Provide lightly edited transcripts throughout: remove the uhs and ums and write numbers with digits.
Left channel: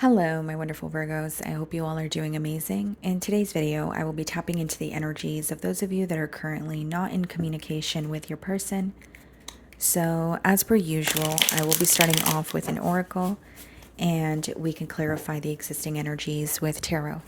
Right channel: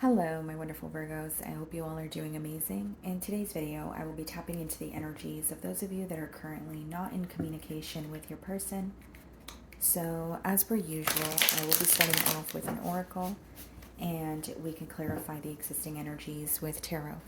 Hello, my wonderful Virgos. I hope you all are doing amazing. In today's video, I will be tapping into the energies of those of you that are currently not in communication with your person. So, as per usual, I will be starting off with an oracle and we can clarify the existing energies with tarot.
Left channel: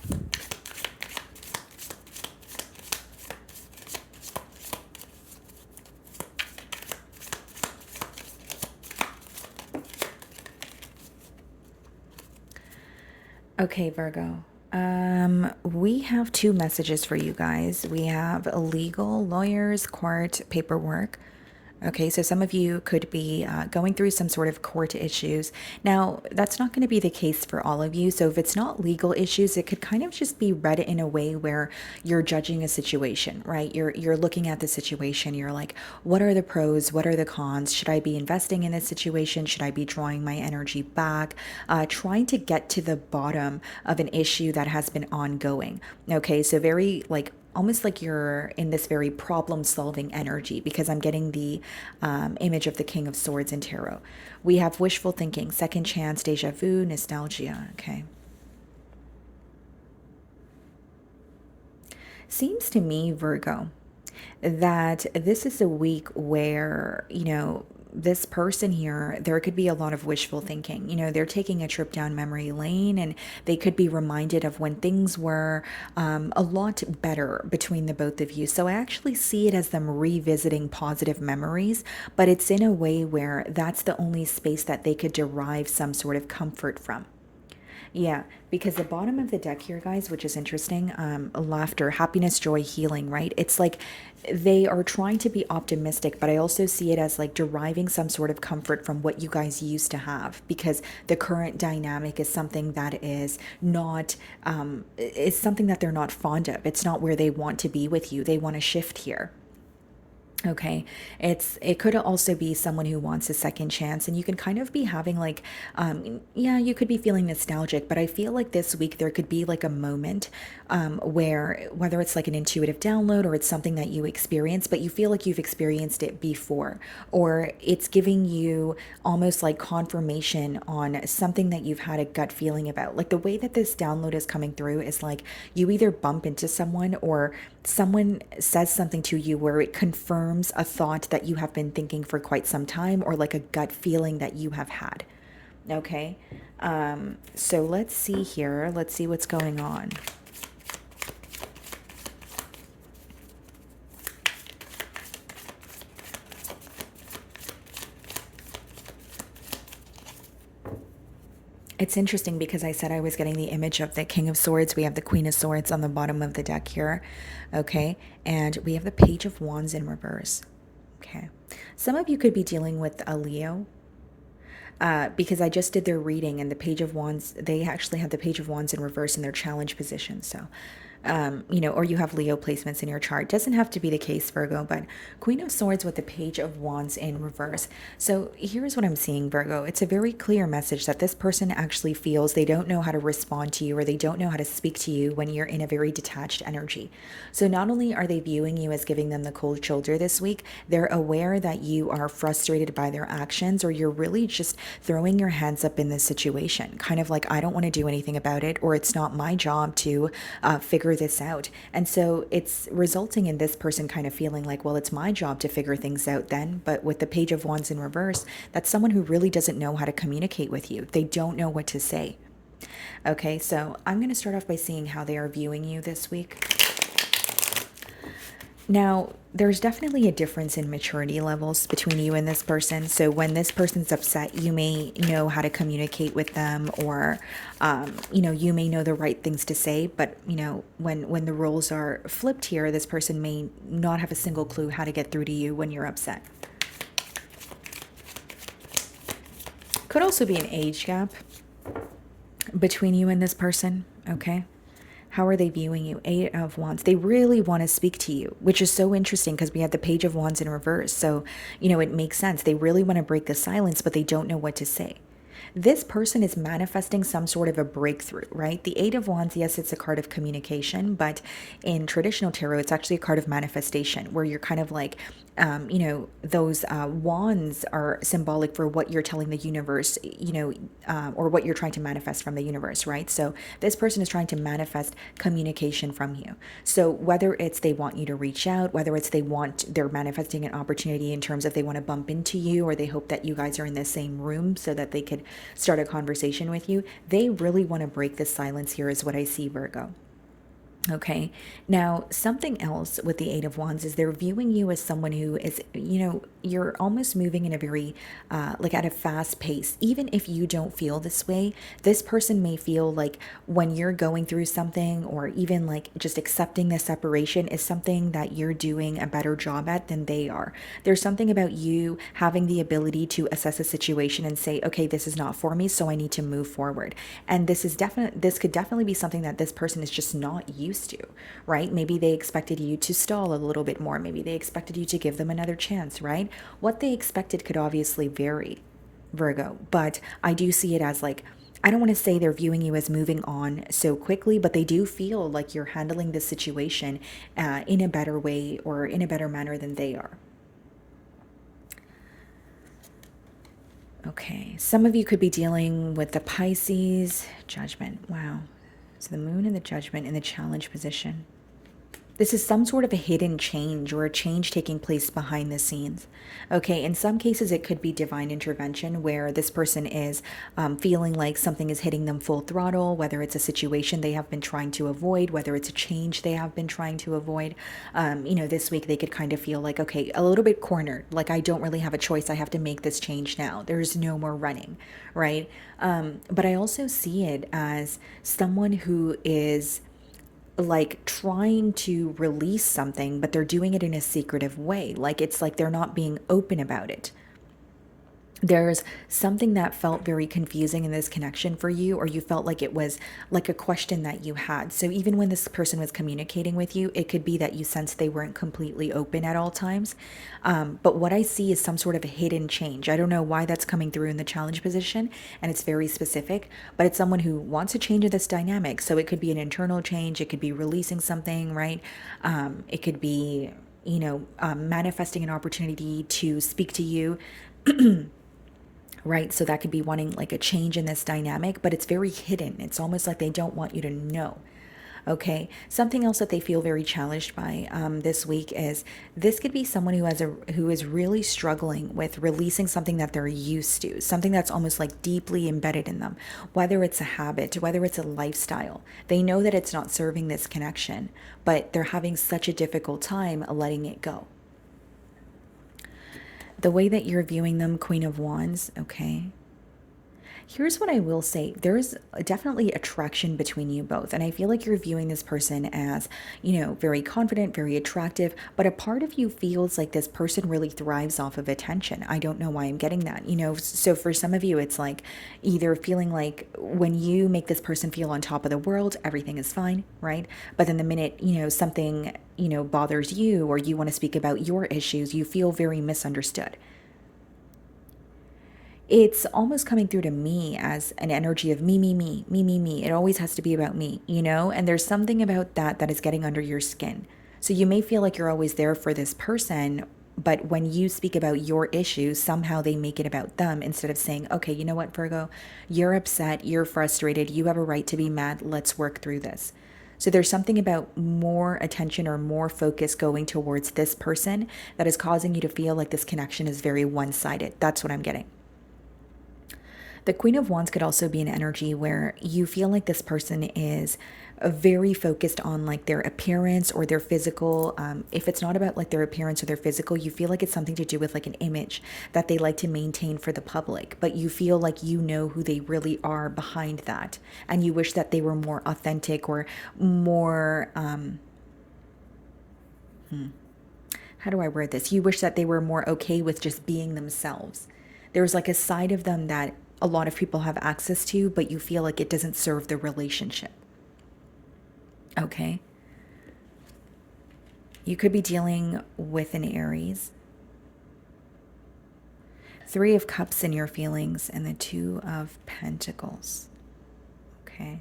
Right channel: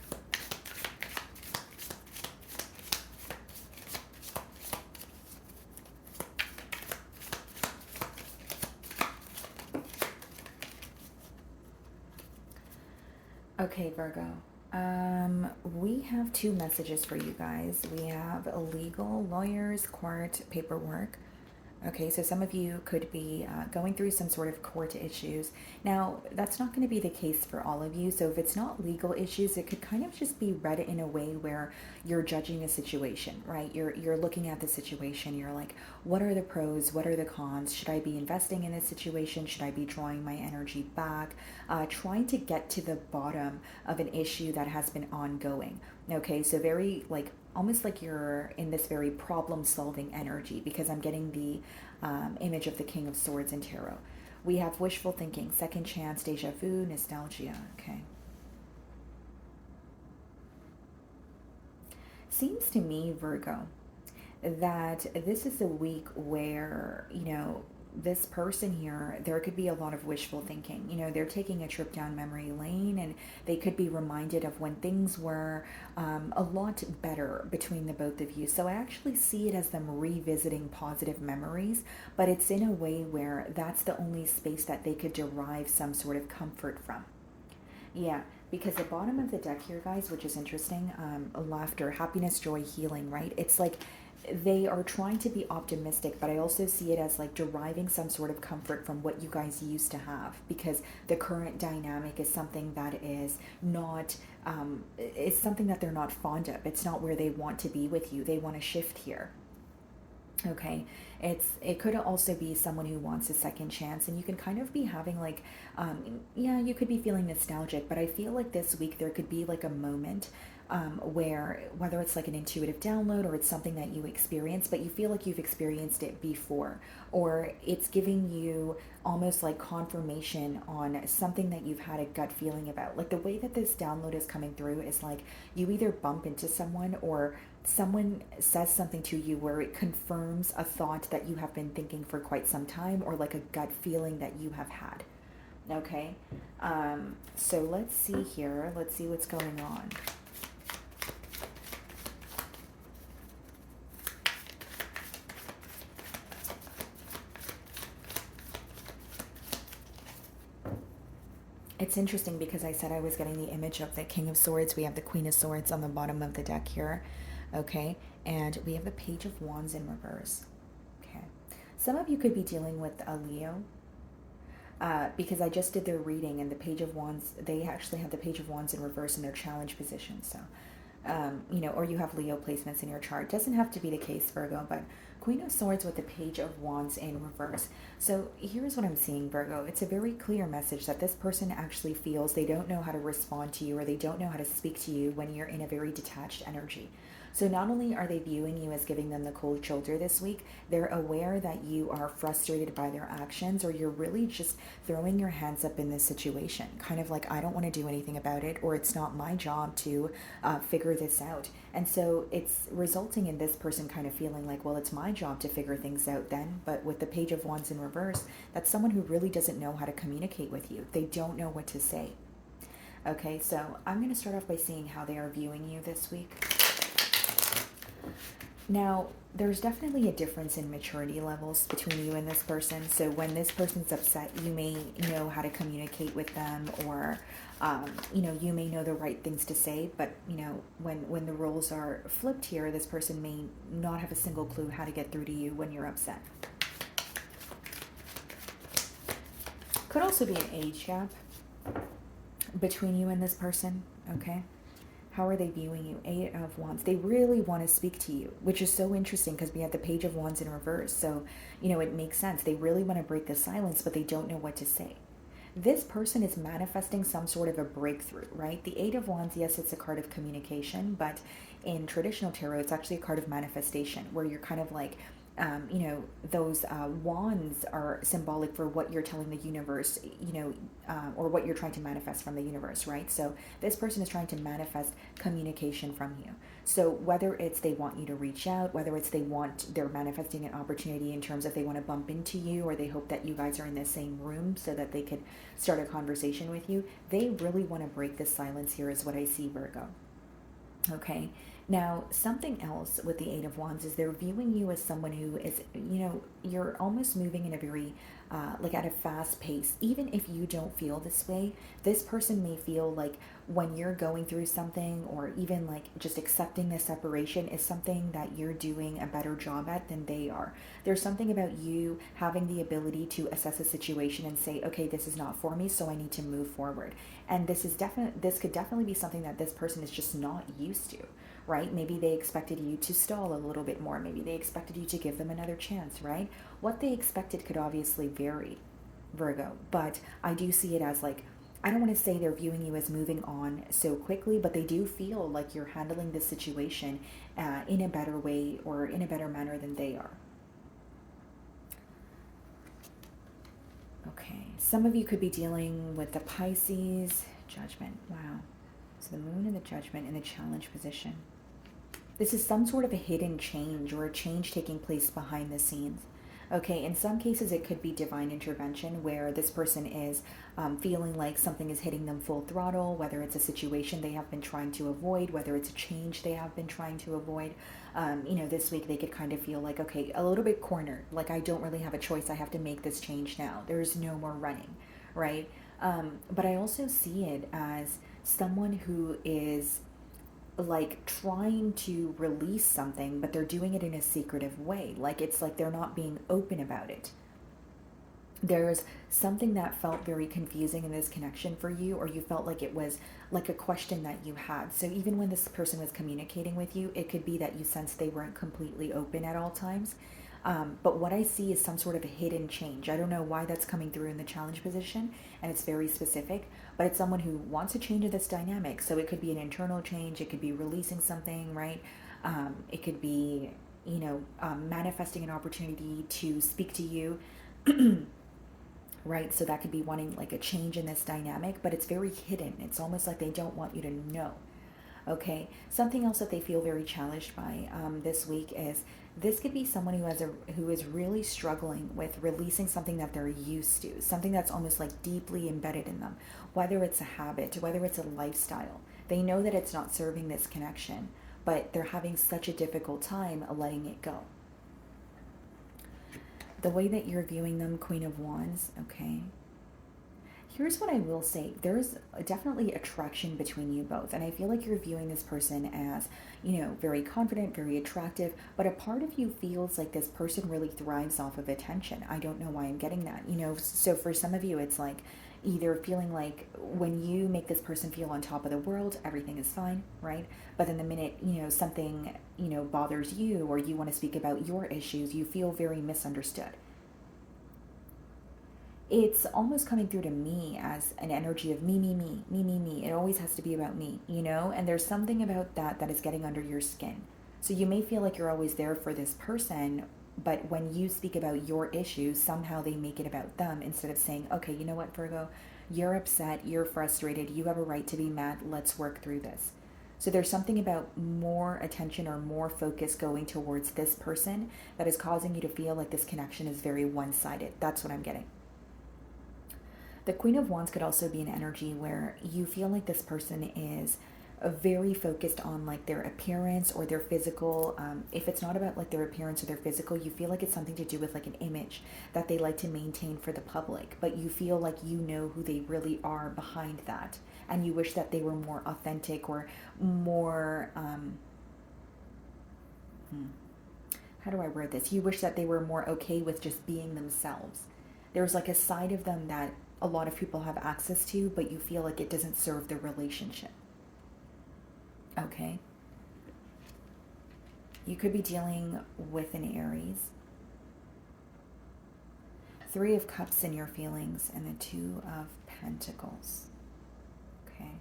Okay, Virgo. We have two messages for you guys. We have legal, lawyers, court, paperwork. Okay, so some of you could be going through some sort of court issues. Now, that's not going to be the case for all of you. So, if it's not legal issues, it could kind of just be read in a way where you're judging a situation, right? You're looking at the situation. You're like, what are the pros? What are the cons? Should I be investing in this situation? Should I be drawing my energy back? Trying to get to the bottom of an issue that has been ongoing. Okay, so very like almost like you're in this very problem solving energy because I'm getting the image of the King of Swords in tarot. We have wishful thinking, second chance, deja vu, nostalgia. Okay. Seems to me, Virgo, that this is a week where, this person here, there could be a lot of wishful thinking. They're taking a trip down memory lane and they could be reminded of when things were a lot better between the both of you. So I actually see it as them revisiting positive memories, but it's in a way where that's the only space that they could derive some sort of comfort from. Yeah, because the bottom of the deck here, guys, which is interesting, laughter, happiness, joy, healing, right? It's like they are trying to be optimistic, but I also see it as like deriving some sort of comfort from what you guys used to have because the current dynamic is something that is not, it's something that they're not fond of. It's not where they want to be with you. They want to shift here. Okay, it could also be someone who wants a second chance, and you can kind of be having like, yeah, you could be feeling nostalgic, but I feel like this week there could be like a moment where whether it's like an intuitive download or it's something that you experience, but you feel like you've experienced it before, or it's giving you almost like confirmation on something that you've had a gut feeling about. Like the way that this download is coming through is like you either bump into someone or someone says something to you where it confirms a thought that you have been thinking for quite some time or like a gut feeling that you have had. Okay. So let's see here. Let's see what's going on. It's interesting because I said I was getting the image of the King of Swords. We have the Queen of Swords on the bottom of the deck here. Okay. And we have the Page of Wands in reverse. Okay. Some of you could be dealing with a Leo. Because I just did their reading and the Page of Wands, they actually have the Page of Wands in reverse in their challenge position. So or you have Leo placements in your chart. Doesn't have to be the case, Virgo, but Queen of Swords with the Page of Wands in reverse. So here's what I'm seeing, Virgo. It's a very clear message that this person actually feels they don't know how to respond to you or they don't know how to speak to you when you're in a very detached energy. So not only are they viewing you as giving them the cold shoulder this week, they're aware that you are frustrated by their actions or you're really just throwing your hands up in this situation. Kind of like, I don't want to do anything about it, or it's not my job to figure this out. And so it's resulting in this person kind of feeling like, well, it's my job to figure things out then. But with the Page of Wands in reverse, that's someone who really doesn't know how to communicate with you. They don't know what to say. Okay, so I'm going to start off by seeing how they are viewing you this week. Now, there's definitely a difference in maturity levels between you and this person. So when this person's upset, you may know how to communicate with them, or you may know the right things to say. But when the roles are flipped here, this person may not have a single clue how to get through to you when you're upset. Could also be an age gap between you and this person. Okay. How are they viewing you? Eight of Wands. They really want to speak to you, which is so interesting because we have the Page of Wands in reverse. So, it makes sense. They really want to break the silence, but they don't know what to say. This person is manifesting some sort of a breakthrough, right? The Eight of Wands, yes, it's a card of communication, but in traditional tarot, it's actually a card of manifestation where you're kind of like those wands are symbolic for what you're telling the universe, or what you're trying to manifest from the universe, right? So this person is trying to manifest communication from you. So whether it's they want you to reach out, whether it's they're manifesting an opportunity in terms of they want to bump into you, or they hope that you guys are in the same room so that they could start a conversation with you, they really want to break the silence here, is what I see, Virgo. Okay. Now, something else with the Eight of Wands is they're viewing you as someone who is, you're almost moving in a very, like at a fast pace. Even if you don't feel this way, this person may feel like when you're going through something, or even like just accepting the separation, is something that you're doing a better job at than they are. There's something about you having the ability to assess a situation and say, okay, this is not for me, so I need to move forward. And this could definitely be something that this person is just not used to, right? Maybe they expected you to stall a little bit more. Maybe they expected you to give them another chance, right? What they expected could obviously vary, Virgo, but I do see it as like, I don't want to say they're viewing you as moving on so quickly, but they do feel like you're handling this situation in a better way, or in a better manner than they are. Okay, some of you could be dealing with the Pisces judgment. Wow. So the moon and the judgment in the challenge position. This is some sort of a hidden change, or a change taking place behind the scenes. Okay, in some cases, it could be divine intervention where this person is feeling like something is hitting them full throttle, whether it's a situation they have been trying to avoid, whether it's a change they have been trying to avoid. This week they could kind of feel like, okay, a little bit cornered, like I don't really have a choice. I have to make this change now. There's no more running, right? But I also see it as someone who is like trying to release something, but they're doing it in a secretive way. Like it's like they're not being open about it. There's something that felt very confusing in this connection for you, or you felt like it was like a question that you had. So even when this person was communicating with you, it could be that you sensed they weren't completely open at all times. But what I see is some sort of a hidden change. I don't know why that's coming through in the challenge position, and it's very specific, but it's someone who wants to change this dynamic. So it could be an internal change, it could be releasing something, right? It could be, manifesting an opportunity to speak to you. Right? So that could be wanting like a change in this dynamic, but it's very hidden. It's almost like they don't want you to know. Okay. Something else that they feel very challenged by this week is this could be someone who is really struggling with releasing something that they're used to, something that's almost like deeply embedded in them, whether it's a habit, whether it's a lifestyle. They know that it's not serving this connection, but they're having such a difficult time letting it go. The way that you're viewing them, Queen of Wands, okay? Here's what I will say. There's definitely attraction between you both. And I feel like you're viewing this person as, very confident, very attractive. But a part of you feels like this person really thrives off of attention. I don't know why I'm getting that. So for some of you, it's like either feeling like when you make this person feel on top of the world, everything is fine, right? But then the minute, something, bothers you, or you want to speak about your issues, you feel very misunderstood. It's almost coming through to me as an energy of me, me, me, me, me, me. It always has to be about me, And there's something about that that is getting under your skin. So you may feel like you're always there for this person, but when you speak about your issues, somehow they make it about them instead of saying, okay, you know what, Virgo, you're upset, you're frustrated, you have a right to be mad, let's work through this. So there's something about more attention or more focus going towards this person that is causing you to feel like this connection is very one sided. That's what I'm getting. The Queen of Wands could also be an energy where you feel like this person is very focused on like their appearance or their physical. If it's not about like their appearance or their physical, you feel like it's something to do with like an image that they like to maintain for the public, but you feel like you know who they really are behind that. And you wish that they were more authentic or more, how do I word this? You wish that they were more okay with just being themselves. There's like a side of them that a lot of people have access to, but you feel like it doesn't serve the relationship. Okay. You could be dealing with an Aries. Three of Cups in your feelings and the Two of Pentacles. Okay.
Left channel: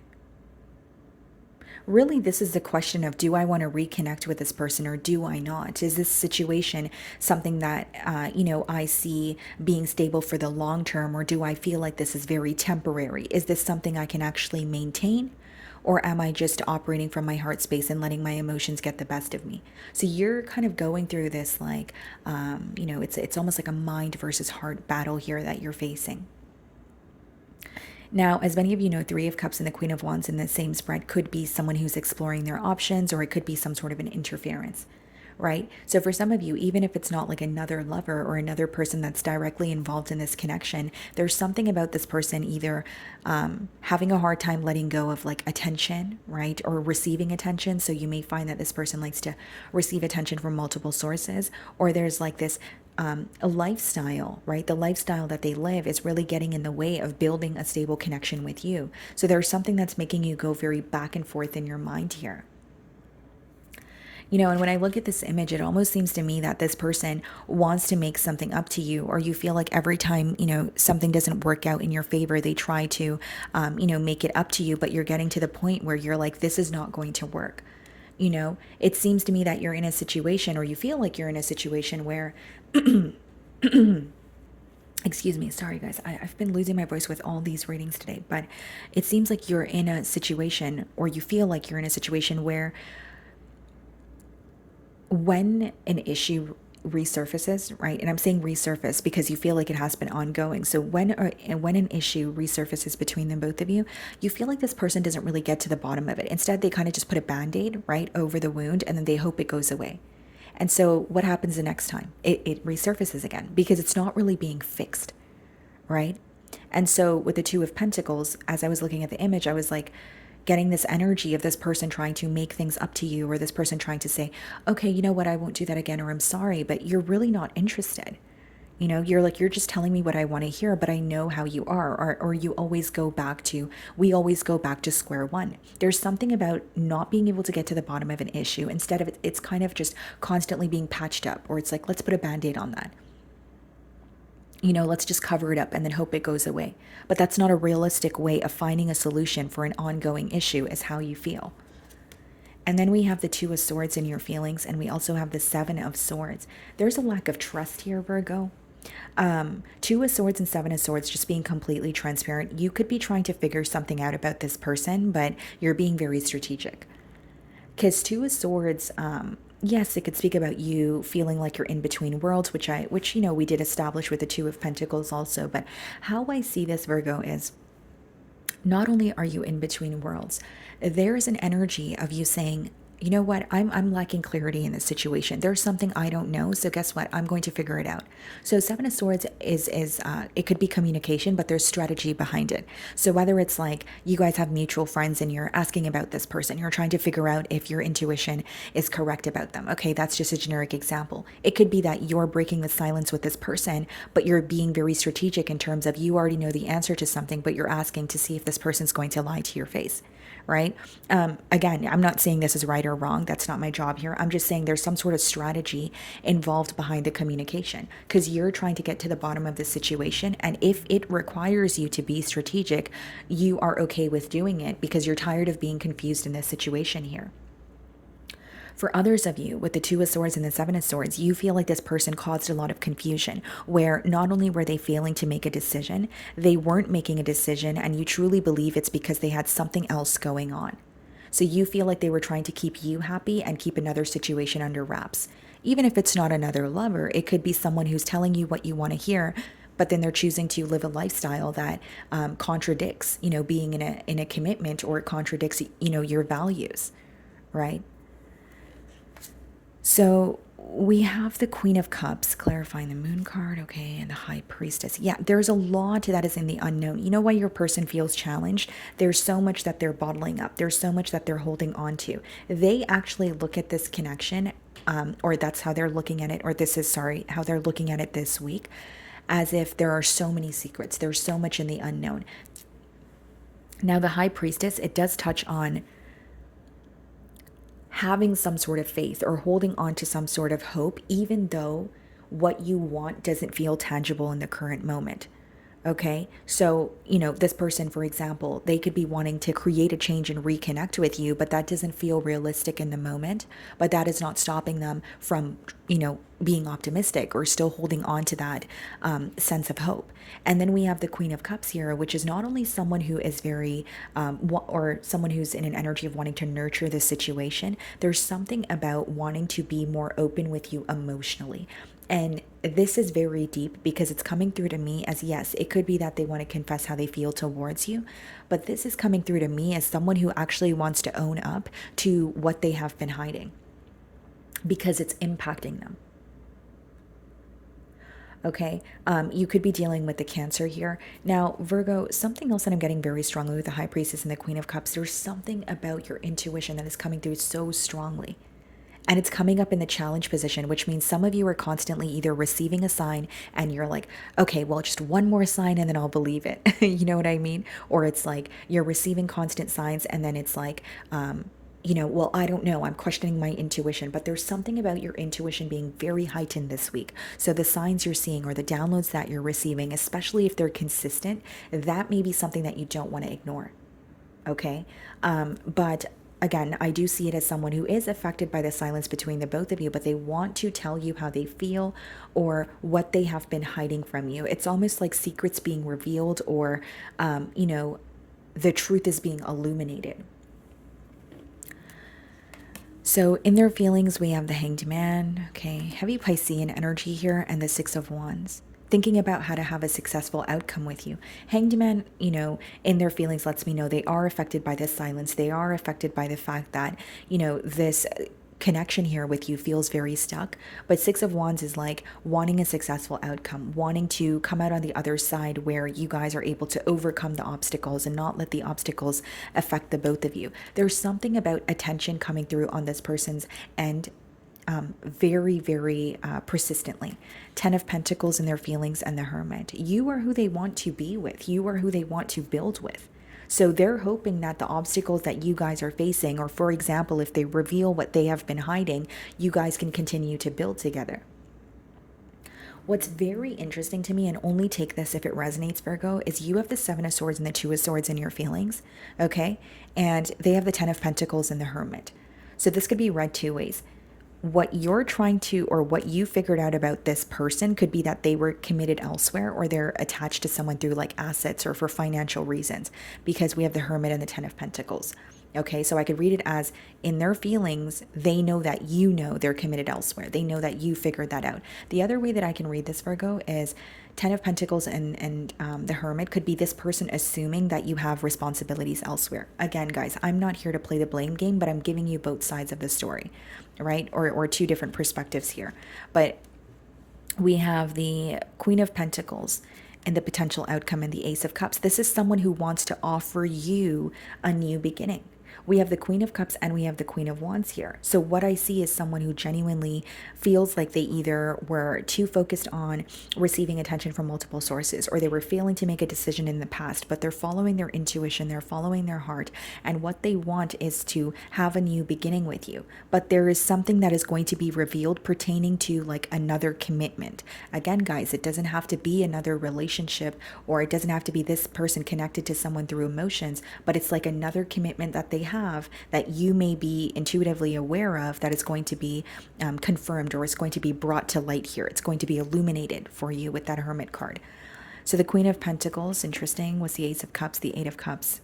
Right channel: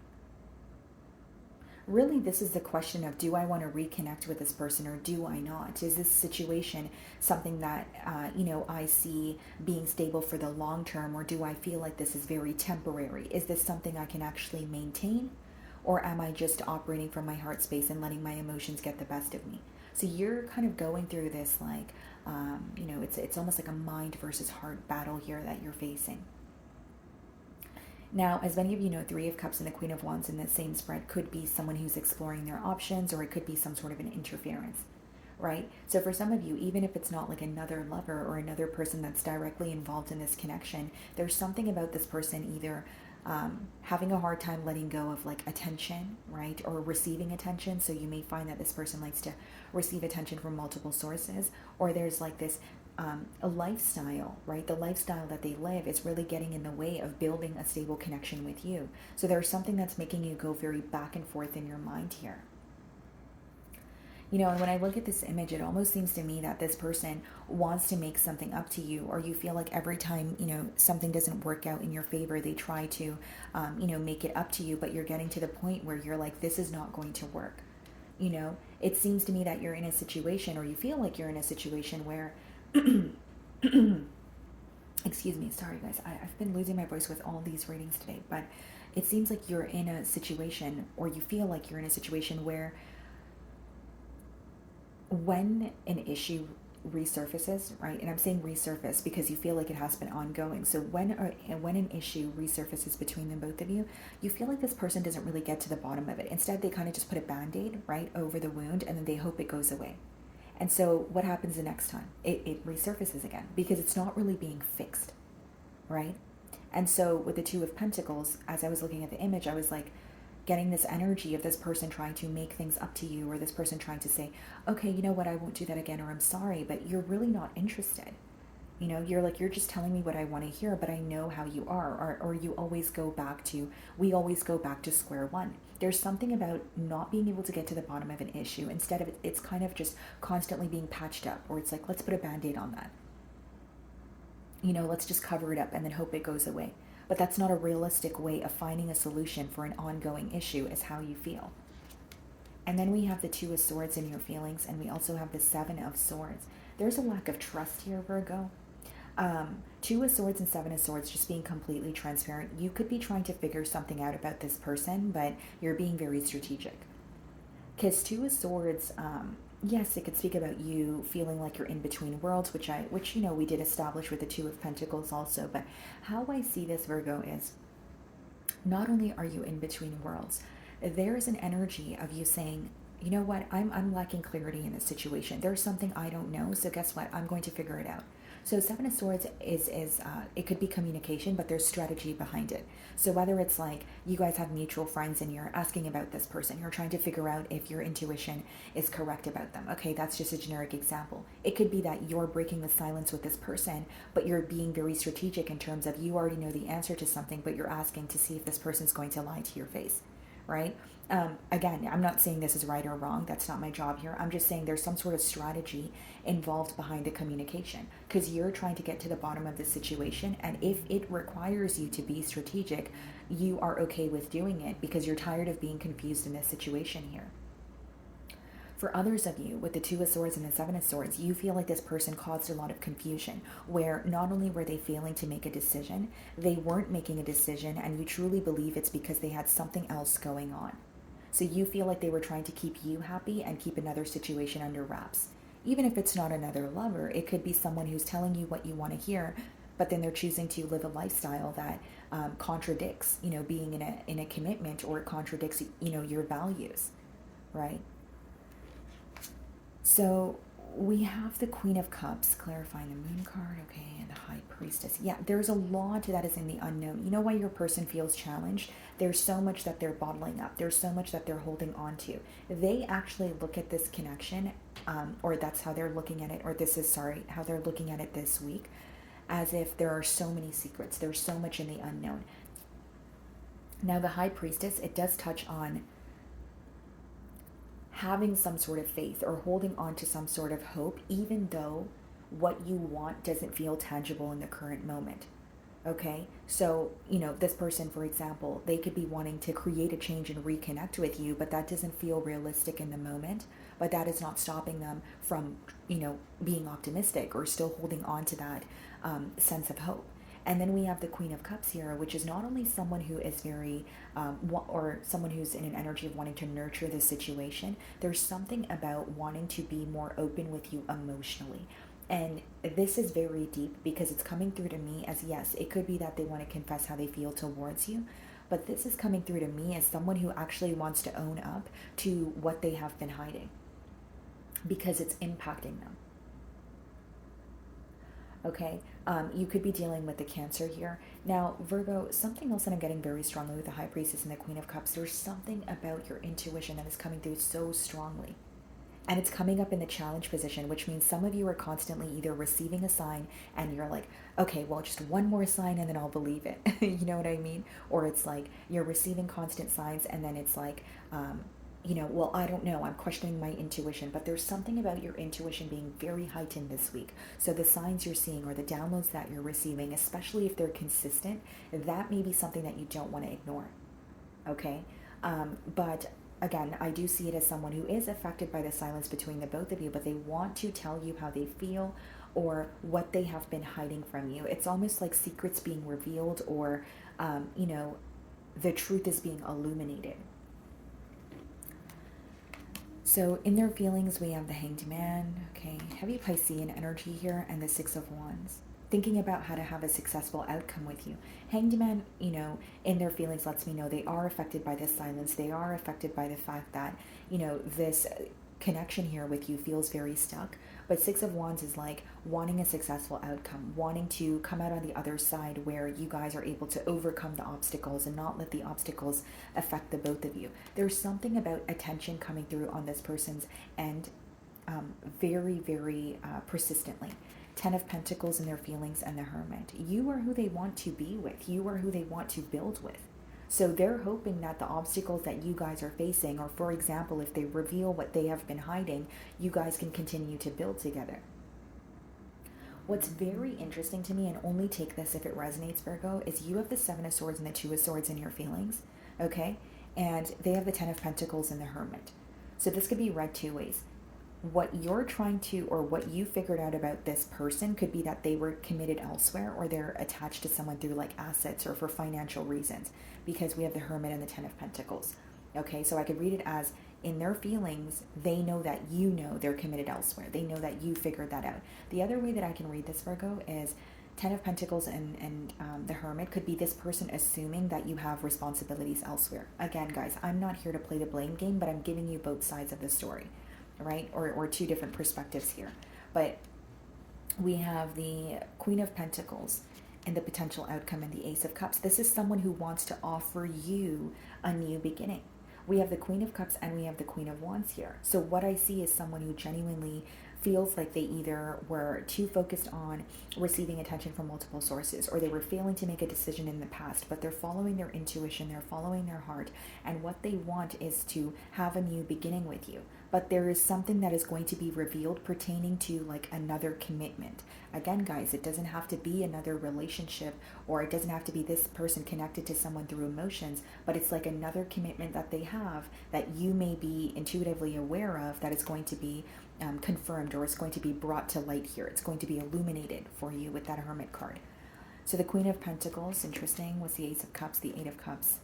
really this is the question of, do I want to reconnect with this person or do I not? Is this situation something that I see being stable for the long term, or do I feel like this is very temporary? Is this something I can actually maintain? Or am I just operating from my heart space and letting my emotions get the best of me? So you're kind of going through this like, it's almost like a mind versus heart battle here that you're facing. Now, as many of you know, Three of Cups and the Queen of Wands in the same spread could be someone who's exploring their options, or it could be some sort of an interference, right? So, for some of you, even if it's not like another lover or another person that's directly involved in this connection, there's something about this person either having a hard time letting go of like attention, right? Or receiving attention. So, you may find that this person likes to receive attention from multiple sources, or there's like this a lifestyle, right? The lifestyle that they live is really getting in the way of building a stable connection with you. So there's something that's making you go very back and forth in your mind here. And when I look at this image, it almost seems to me that this person wants to make something up to you, or you feel like every time, something doesn't work out in your favor, they try to, make it up to you, but you're getting to the point where you're like, this is not going to work. It seems to me that you're in a situation, or you feel like you're in a situation where excuse me, sorry guys, I've been losing my voice with all these readings today, but it seems like you're in a situation, or you feel like you're in a situation where when an issue resurfaces, right? And I'm saying resurface because you feel like it has been ongoing. So when an issue resurfaces between them, both of you, you feel like this person doesn't really get to the bottom of it. Instead, they kind of just put a band-aid right over the wound, and then they hope it goes away. And so what happens the next time? It resurfaces again because it's not really being fixed, right? And so with the Two of Pentacles, as I was looking at the image, I was like getting this energy of this person trying to make things up to you, or this person trying to say, okay, you know what, I won't do that again, or I'm sorry, but you're really not interested. You're like, you're just telling me what I want to hear, but I know how you are. Or we always go back to square one. There's something about not being able to get to the bottom of an issue. Instead of it's kind of just constantly being patched up, or it's like, let's put a band-aid on that. Let's just cover it up and then hope it goes away. But that's not a realistic way of finding a solution for an ongoing issue, is how you feel. And then we have the Two of Swords in your feelings, and we also have the Seven of Swords. There's a lack of trust here, Virgo. Two of Swords and Seven of Swords, just being completely transparent. You could be trying to figure something out about this person, but you're being very strategic. Because Two of Swords, yes, it could speak about you feeling like you're in between worlds, which we did establish with the Two of Pentacles also. But how I see this, Virgo, is not only are you in between worlds, there is an energy of you saying, you know what, I'm lacking clarity in this situation. There's something I don't know, so guess what? I'm going to figure it out. So Seven of Swords is it could be communication, but there's strategy behind it. So whether it's like you guys have mutual friends and you're asking about this person, you're trying to figure out if your intuition is correct about them. Okay, that's just a generic example. It could be that you're breaking the silence with this person, but you're being very strategic in terms of you already know the answer to something, but you're asking to see if this person's going to lie to your face. Right? Again, I'm not saying this is right or wrong. That's not my job here. I'm just saying there's some sort of strategy involved behind the communication, because you're trying to get to the bottom of the situation. And if it requires you to be strategic, you are okay with doing it because you're tired of being confused in this situation here. For others of you, with the Two of Swords and the Seven of Swords, you feel like this person caused a lot of confusion, where not only were they failing to make a decision, they weren't making a decision, and you truly believe it's because they had something else going on. So you feel like they were trying to keep you happy and keep another situation under wraps. Even if it's not another lover, it could be someone who's telling you what you want to hear, but then they're choosing to live a lifestyle that contradicts, being in a commitment, or it contradicts, your values, right? So we have the Queen of Cups, clarifying the Moon card, okay, and the High Priestess. Yeah, there's a lot that is in the unknown. You know why your person feels challenged? There's so much that they're bottling up. There's so much that they're holding on to. They actually look at this connection, or that's how they're looking at it, or how they're looking at it this week, as if there are so many secrets. There's so much in the unknown. Now, the High Priestess, it does touch on having some sort of faith or holding on to some sort of hope, even though what you want doesn't feel tangible in the current moment. Okay. So, this person, for example, they could be wanting to create a change and reconnect with you, but that doesn't feel realistic in the moment. But that is not stopping them from, being optimistic or still holding on to that sense of hope. And then we have the Queen of Cups here, which is not only someone who is very, or someone who's in an energy of wanting to nurture the situation. There's something about wanting to be more open with you emotionally. And this is very deep because it's coming through to me as, yes, it could be that they want to confess how they feel towards you, but this is coming through to me as someone who actually wants to own up to what they have been hiding because it's impacting them. Okay, you could be dealing with the Cancer here. Now, Virgo, something else that I'm getting very strongly with the High Priestess and the Queen of Cups, there's something about your intuition that is coming through so strongly. And it's coming up in the challenge position, which means some of you are constantly either receiving a sign and you're like, okay, well, just one more sign and then I'll believe it. You know what I mean? Or it's like you're receiving constant signs and then it's like, well, I don't know. I'm questioning my intuition, but there's something about your intuition being very heightened this week. So the signs you're seeing or the downloads that you're receiving, especially if they're consistent, that may be something that you don't want to ignore. Okay. But again, I do see it as someone who is affected by the silence between the both of you, but they want to tell you how they feel or what they have been hiding from you. It's almost like secrets being revealed or, the truth is being illuminated. So in their feelings, we have the Hanged Man, okay, heavy Piscean energy here, and the Six of Wands. Thinking about how to have a successful outcome with you. Hanged Man, in their feelings lets me know they are affected by this silence. They are affected by the fact that, this connection here with you feels very stuck. But Six of Wands is like wanting a successful outcome, wanting to come out on the other side where you guys are able to overcome the obstacles and not let the obstacles affect the both of you. There's something about attention coming through on this person's end very, very persistently. Ten of Pentacles in their feelings and the Hermit. You are who they want to be with. You are who they want to build with. So they're hoping that the obstacles that you guys are facing, or for example, if they reveal what they have been hiding, you guys can continue to build together. What's very interesting to me, and only take this if it resonates, Virgo, is you have the Seven of Swords and the Two of Swords in your feelings, okay? And they have the Ten of Pentacles and the Hermit. So this could be read two ways. What you're trying to, or what you figured out about this person could be that they were committed elsewhere or they're attached to someone through like assets or for financial reasons, because we have the Hermit and the Ten of Pentacles. Okay, so I could read it as in their feelings, they know that they're committed elsewhere. They know that you figured that out. The other way that I can read this, Virgo, is Ten of Pentacles and the Hermit could be this person assuming that you have responsibilities elsewhere. Again, guys, I'm not here to play the blame game, but I'm giving you both sides of the story, right? Or two different perspectives here. But we have the Queen of Pentacles and the potential outcome in the Ace of Cups. This is someone who wants to offer you a new beginning. We have the Queen of Cups and we have the Queen of Wands here. So what I see is someone who genuinely feels like they either were too focused on receiving attention from multiple sources, or they were failing to make a decision in the past, but they're following their intuition, they're following their heart, and what they want is to have a new beginning with you. But there is something that is going to be revealed pertaining to like another commitment. Again, guys, it doesn't have to be another relationship, or it doesn't have to be this person connected to someone through emotions, but it's like another commitment that they have that you may be intuitively aware of, that is going to be confirmed, or it's going to be brought to light here. It's going to be illuminated for you with that Hermit card. So the Queen of Pentacles, interesting, was the Ace of Cups, the Eight of Cups.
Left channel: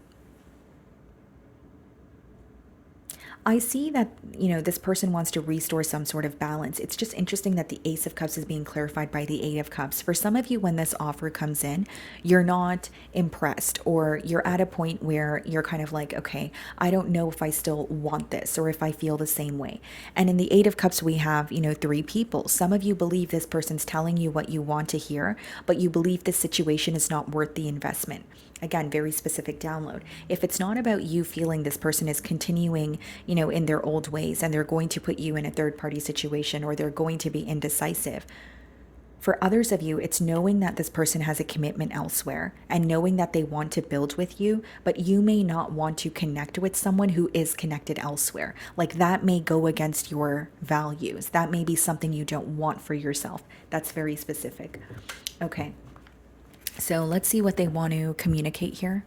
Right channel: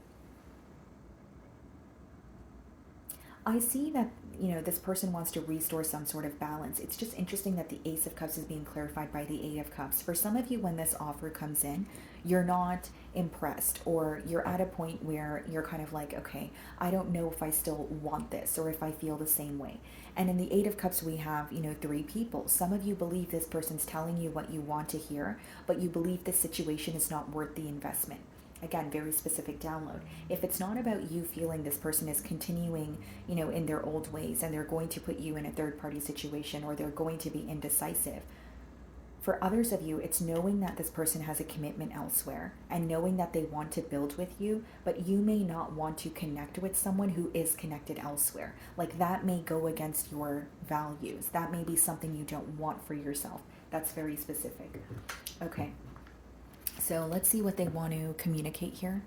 I see that, this person wants to restore some sort of balance. It's just interesting that the Ace of Cups is being clarified by the Eight of Cups. For some of you, when this offer comes in, you're not impressed, or you're at a point where you're kind of like, okay, I don't know if I still want this or if I feel the same way. And in the Eight of Cups, we have, three people. Some of you believe this person's telling you what you want to hear, but you believe this situation is not worth the investment. Again, very specific download. If it's not about you feeling this person is continuing, in their old ways, and they're going to put you in a third party situation, or they're going to be indecisive. For others of you, it's knowing that this person has a commitment elsewhere and knowing that they want to build with you, but you may not want to connect with someone who is connected elsewhere. Like that may go against your values. That may be something you don't want for yourself. That's very specific. Okay. So let's see what they want to communicate here.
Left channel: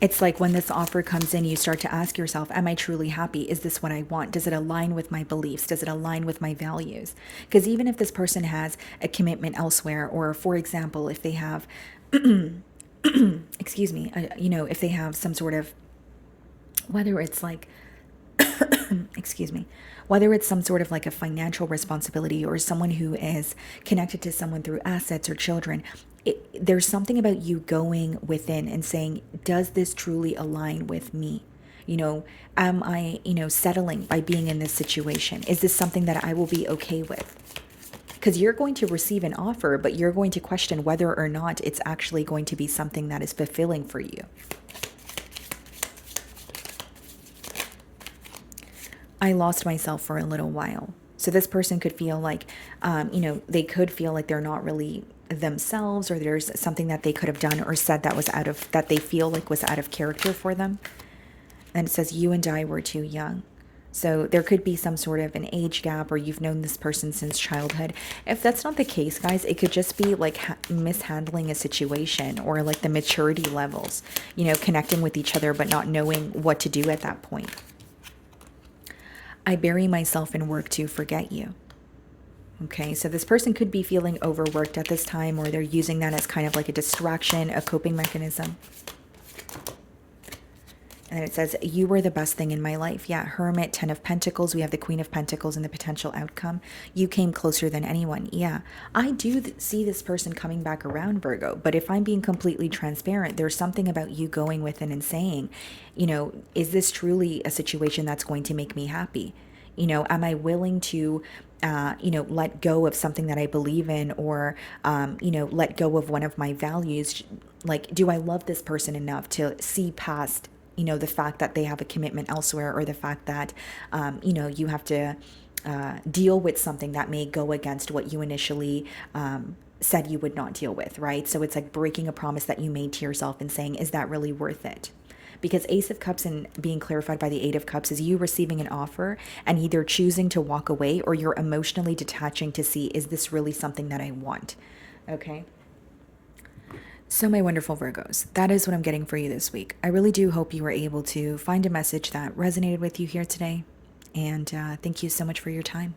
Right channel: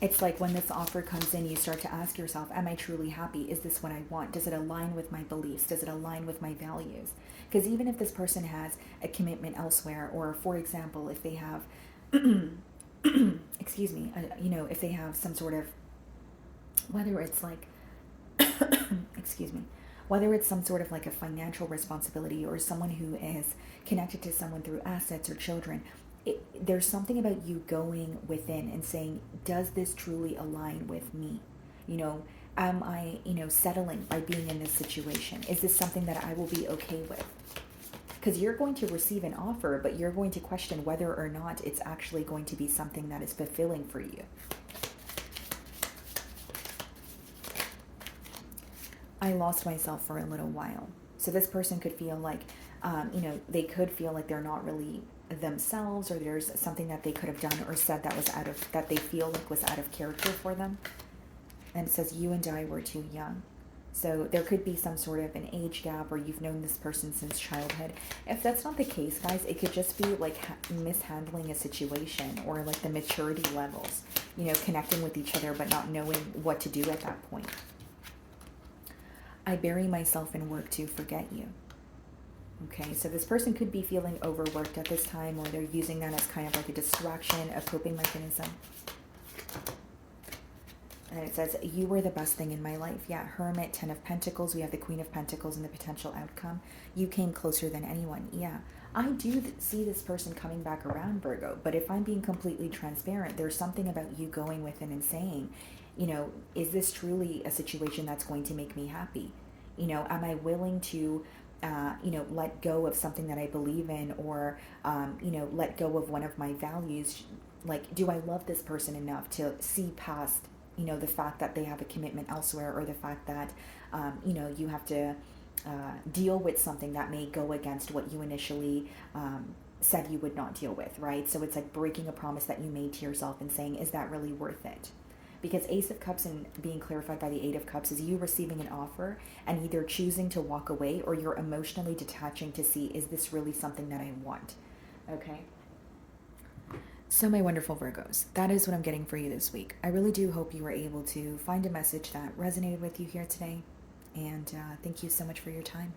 It's like when this offer comes in, you start to ask yourself, am I truly happy? Is this what I want? Does it align with my beliefs? Does it align with my values? Because even if this person has a commitment elsewhere, or for example, if they have, excuse me, if they have some sort of, whether it's like, excuse me, whether it's some sort of like a financial responsibility or someone who is connected to someone through assets or children, there's something about you going within and saying, does this truly align with me? Am I, settling by being in this situation? Is this something that I will be okay with? Because you're going to receive an offer, but you're going to question whether or not it's actually going to be something that is fulfilling for you. I lost myself for a little while. So this person could feel like, they could feel like they're not really themselves, or there's something that they could have done or said that they feel like was out of character for them. And it says, you and I were too young. So there could be some sort of an age gap, or you've known this person since childhood. If that's not the case, guys, it could just be like mishandling a situation, or like the maturity levels, connecting with each other, but not knowing what to do at that point. I bury myself in work to forget you. Okay, so this person could be feeling overworked at this time, or they're using that as kind of like a distraction, a coping mechanism. And it says, you were the best thing in my life. Yeah, Hermit, 10 of Pentacles. We have the Queen of Pentacles and the potential outcome. You came closer than anyone. Yeah, I do see this person coming back around, Virgo. But if I'm being completely transparent, there's something about you going within and saying, is this truly a situation that's going to make me happy? Am I willing to let go of something that I believe in, or, let go of one of my values? Like, do I love this person enough to see past, the fact that they have a commitment elsewhere, or the fact that, you have to deal with something that may go against what you initially said you would not deal with, right? So it's like breaking a promise that you made to yourself and saying, is that really worth it? Because Ace of Cups and being clarified by the Eight of Cups is you receiving an offer and either choosing to walk away, or you're emotionally detaching to see, is this really something that I want? Okay. So, my wonderful Virgos, that is what I'm getting for you this week. I really do hope you were able to find a message that resonated with you here today. And thank you so much for your time.